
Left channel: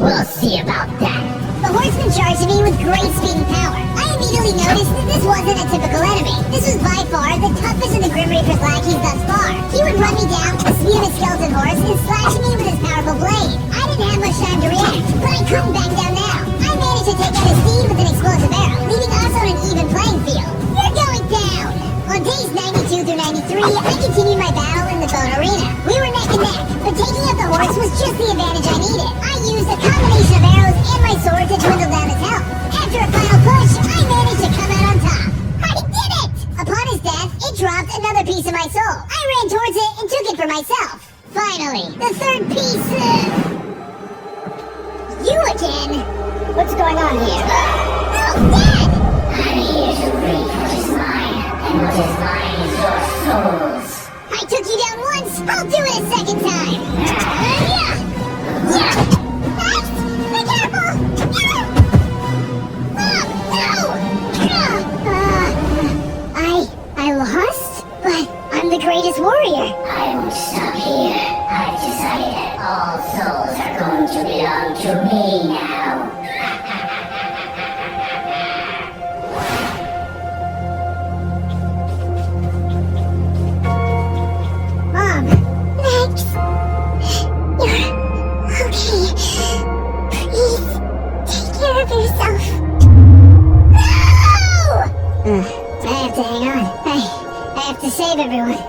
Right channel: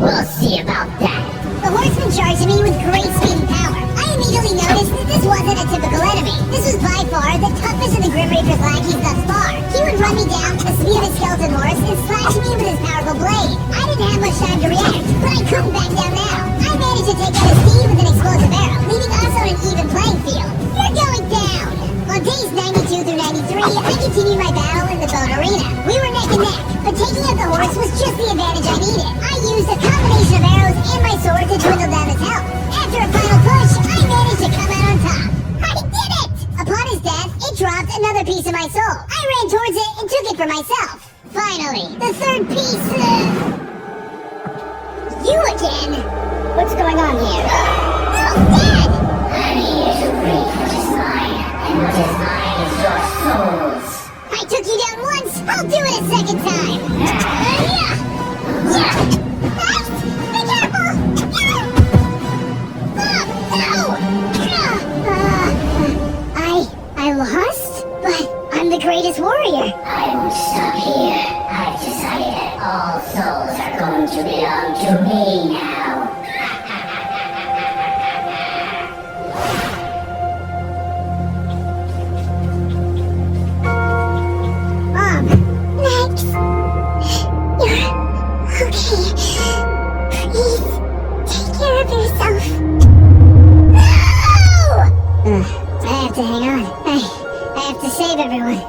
We'll see about that. The horseman charged me with great speed and power. I immediately noticed that this wasn't a typical enemy. This was by far the toughest of the Grim Reaper's lackeys thus far. He would run me down with the speed of a skeleton horse and slash me with his powerful blade. I didn't have much time to react, but I couldn't back down now. I managed to take out his steed with an explosive arrow, leaving us on an even playing field. You're going down! On days 92 through 93, I continued my battle in the bone arena. We were neck and neck, but taking out the horse was just the advantage I needed. I used a combination of arrows and my sword to dwindle down his health. After a final push, I managed to come out on top. I did it! Upon his death, it dropped another piece of my soul. I ran towards it and took it for myself. Finally, the third piece, You again? What's going on here? No, Dad! I'm here to reap what is mine, and what is mine is your souls. I took you down once, I'll do it a second time. Yeah! Max, be careful! No! I lost? But I'm the greatest warrior. I won't stop here. I've decided that all souls are going to belong to me now. Max, you're okay. Please, take care of yourself. No! I have to hang on. I have to save everyone.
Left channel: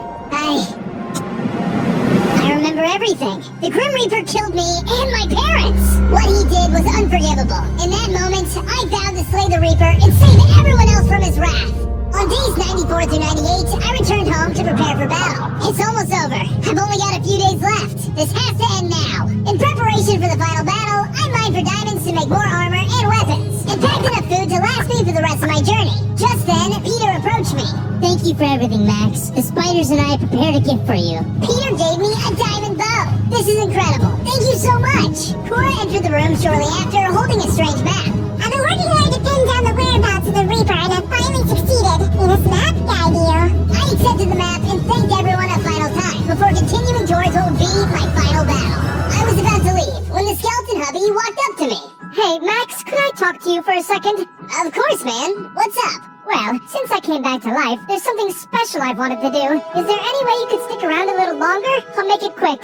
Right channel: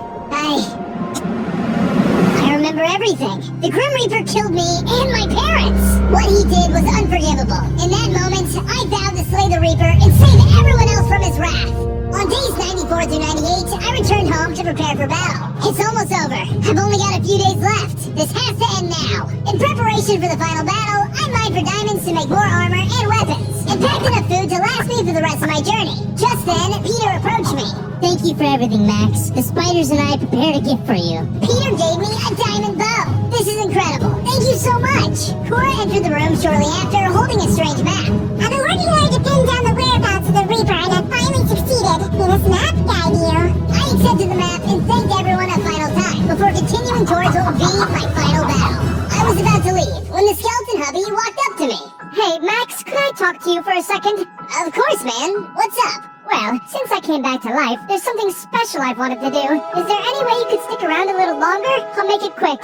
I remember everything. The Grim Reaper killed me and my parents. What he did was unforgivable. In that moment, I vowed to slay the Reaper and save everyone else from his wrath. On days 94 through 98, I returned home to prepare for battle. It's almost over. I've only got a few days left. This has to end now. In preparation for the final battle, I mined for diamonds to make more armor and weapons, and packed enough food to last me for the rest of my journey. Just then, Peter approached me. Thank you for everything, Max. The spiders and I prepared a gift for you. Peter gave me a diamond bow. This is incredible. Thank you so much. Cora entered the room shortly after, holding a strange map. I've been working hard to pin down the whereabouts of the Reaper, and I finally succeeded. In this map guide you. I accepted the map and thanked everyone a final time before continuing towards what will be my final battle. I was about to leave when the skeleton hubby walked up to me. Hey, Max talk to you for a second? Of course, man. What's up? Well, since I came back to life, there's something special I've wanted to do. Is there any way you could stick around a little longer? I'll make it quick.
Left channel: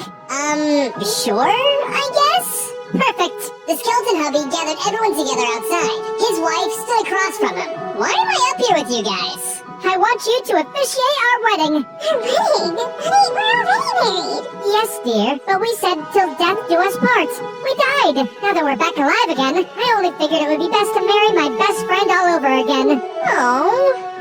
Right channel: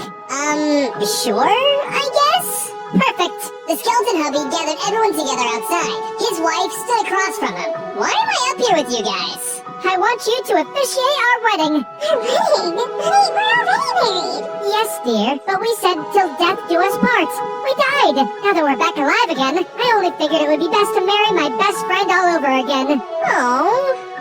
Sure, I guess? Perfect. The skeleton hubby gathered everyone together outside. His wife stood across from him. Why am I up here with you guys? I want you to officiate our wedding. Our wedding? Honey, we're already married. Yes, dear, but we said till death do us part. We died. Now that we're back alive again, I only figured it would be best to marry my best friend all over again. Oh,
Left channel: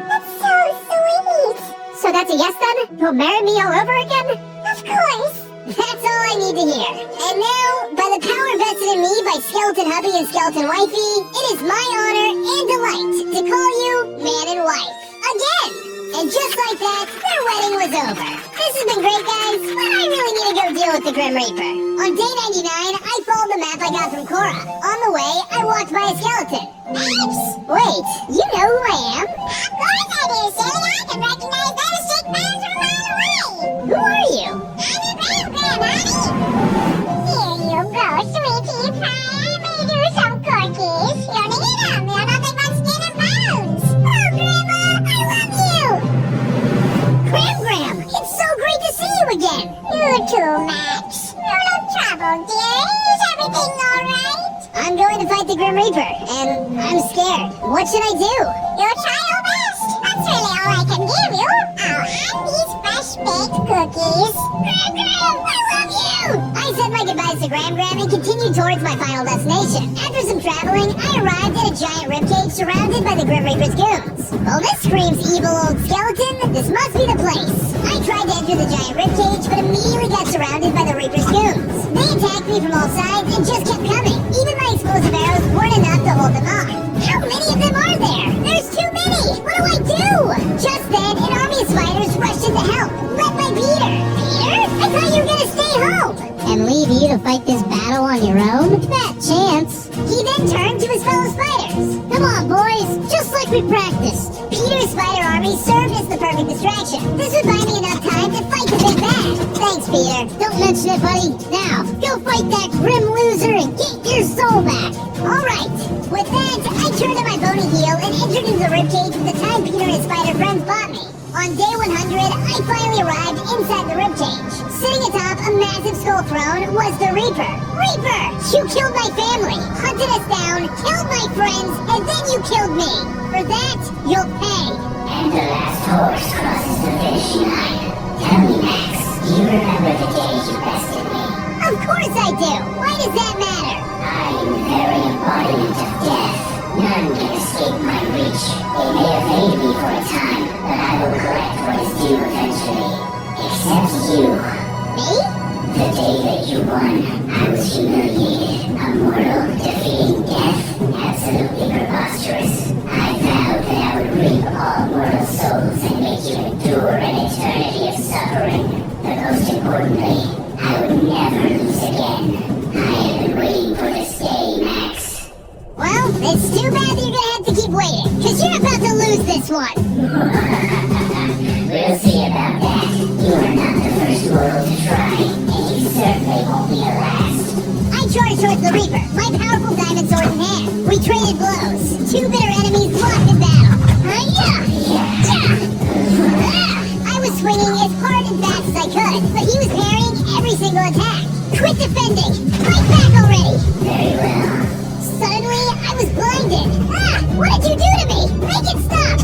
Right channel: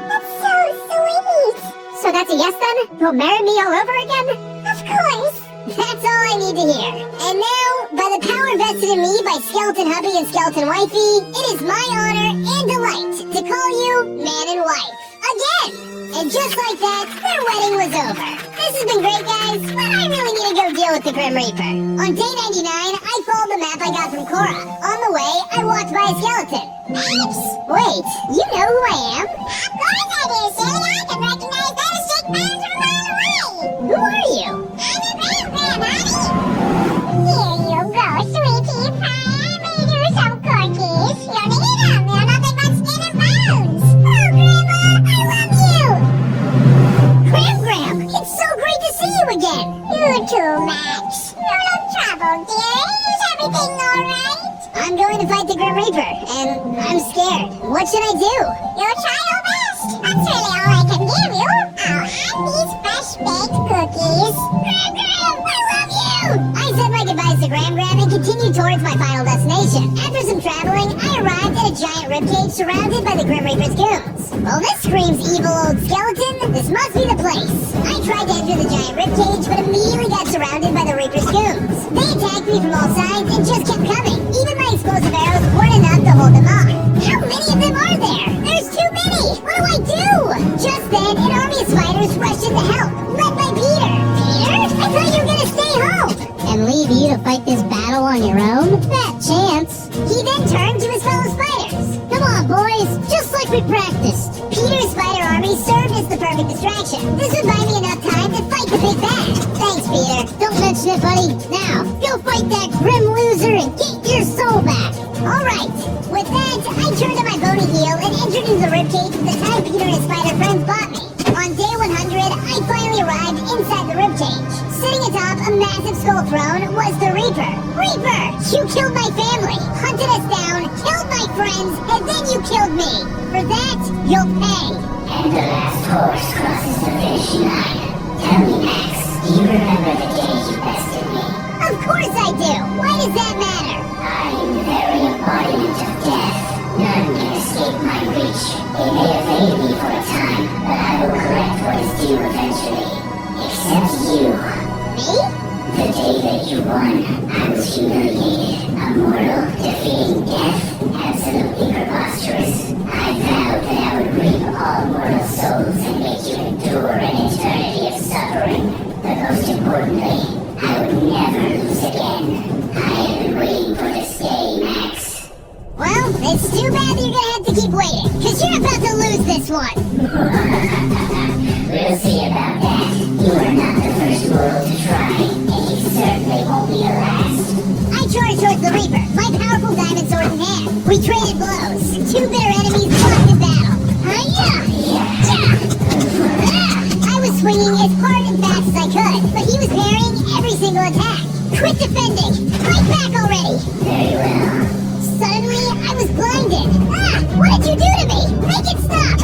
That's so sweet. So that's a yes then? You'll marry me all over again? of course. That's all I need to hear. And now, by the power vested in me by Skeleton Hubby and Skeleton Wifey, it is my honor and delight to call you man and wife. Again! And just like that, their wedding was over. This has been great, guys, but I really need to go deal with the Grim Reaper. On day 99, I followed the map I got from Cora. On the way, I walked by a skeleton. Max! Wait, you know who I am? Of course I do, Silly. I can recognize that as Jake Bones from a mile away. Who are you? I'm a Graham, honey. Here you go, sweetie pie. I made you some cookies. You don't eat them. They're nothing but skin and bones. Oh, Grandma, I love you. Graham! It's so great to see you again! You too, Max. No trouble, dear. Is everything all right? I'm going to fight the Grim Reaper, and I'm scared. What should I do? You try your best. That's really all I can give you. I'll have these fresh-baked cookies. Graham, I love you. I said my goodbyes to Graham and continued towards my final destination. After some traveling, I arrived at a giant ribcage surrounded by the Grim Reaper's goons. Well, this screams evil old skeleton. This must be the place. I tried to enter the giant ribcage, but immediately got surrounded by the Reaper's goons. They attacked me from all sides and just kept coming. Even my explosive arrows weren't enough to hold them off. How many of them are there? There's too many! What do I do? Just then, an army of spiders rushed in to help, led by Peter. Peter? I thought you were gonna stay home! And leave you to fight this battle on your own? Fat chance. He then turned to his fellow spiders. Come on, boys, just like we practiced. Peter's spider army served as the perfect distraction. This would buy me enough time to fight the big bad. Thanks, Peter. Don't mention it, buddy. Now, go fight that grim loser and get your soul back. All right. With that, I turned on my bony heel and entered into the ribcage with the time Peter and his spider friends bought me. On day 100, I finally arrived inside the ribcage. Sitting atop a massive skull throne was the Reaper. Reaper, you killed my family, hunted us down, killed my friends, and then you killed me. For that, you'll pay. And the last horse crosses the finish line. Tell me, Max, do you remember the day you bested me? Of course I do. Why does that matter? I am the very embodiment of death. None can escape my reach. They may evade me for a time, but I will correct what is due eventually. Except you. Me? The day that you won, I was humiliated, a mortal, defeating death, absolutely preposterous. I vowed that I would reap all mortal souls and make you endure an eternity of suffering. But most importantly, I would never lose again. I have been waiting for this day, Max. Well, it's too bad that you're gonna have to keep waiting, because you're about to lose this one. We'll see about that. You are not the first mortal to try, and you certainly won't be the last. I charged towards the Reaper, my powerful diamond sword in hand. We traded blows. Two bitter enemies locked in battle. Hi-ya! I was swinging as hard and fast as I could, but he was parrying every single attack. Quit defending! Fight back already! Very well. Suddenly, I was blinded. What did you do to me? Make it stop!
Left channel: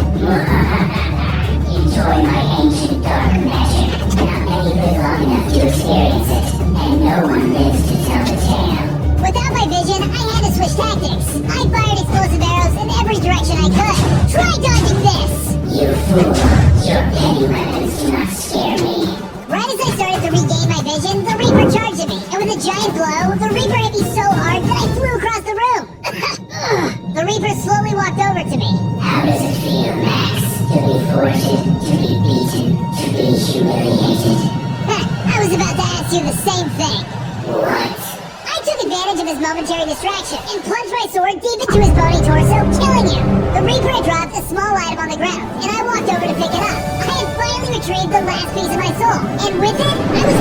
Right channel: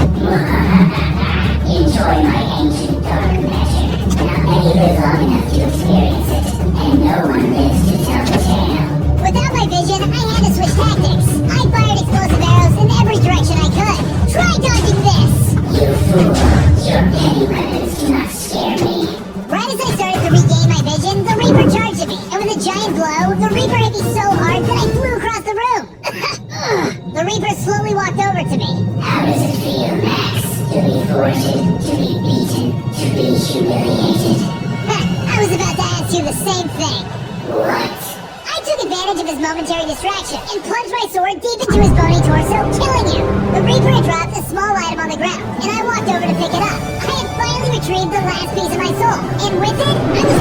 Enjoy my ancient dark magic. Not many live long enough to experience it, and no one lives to tell the tale. Without my vision, I had to switch tactics. I fired explosive arrows in every direction I could. Try dodging this! You fool! Your petty weapons do not scare me. Right as I started to regain my vision, the Reaper charged at me, and with a giant blow, the Reaper hit me so hard that I flew across the room. The Reaper slowly walked over to me. How does it feel, Max? To be thwarted, to be beaten, to be humiliated. I was about to ask you the same thing. What? I took advantage of his momentary distraction and plunged my sword deep into his bony torso, killing him. The Reaper had dropped a small item on the ground, and I walked over to pick it up. I had finally retrieved the last piece of my soul, and with it, I was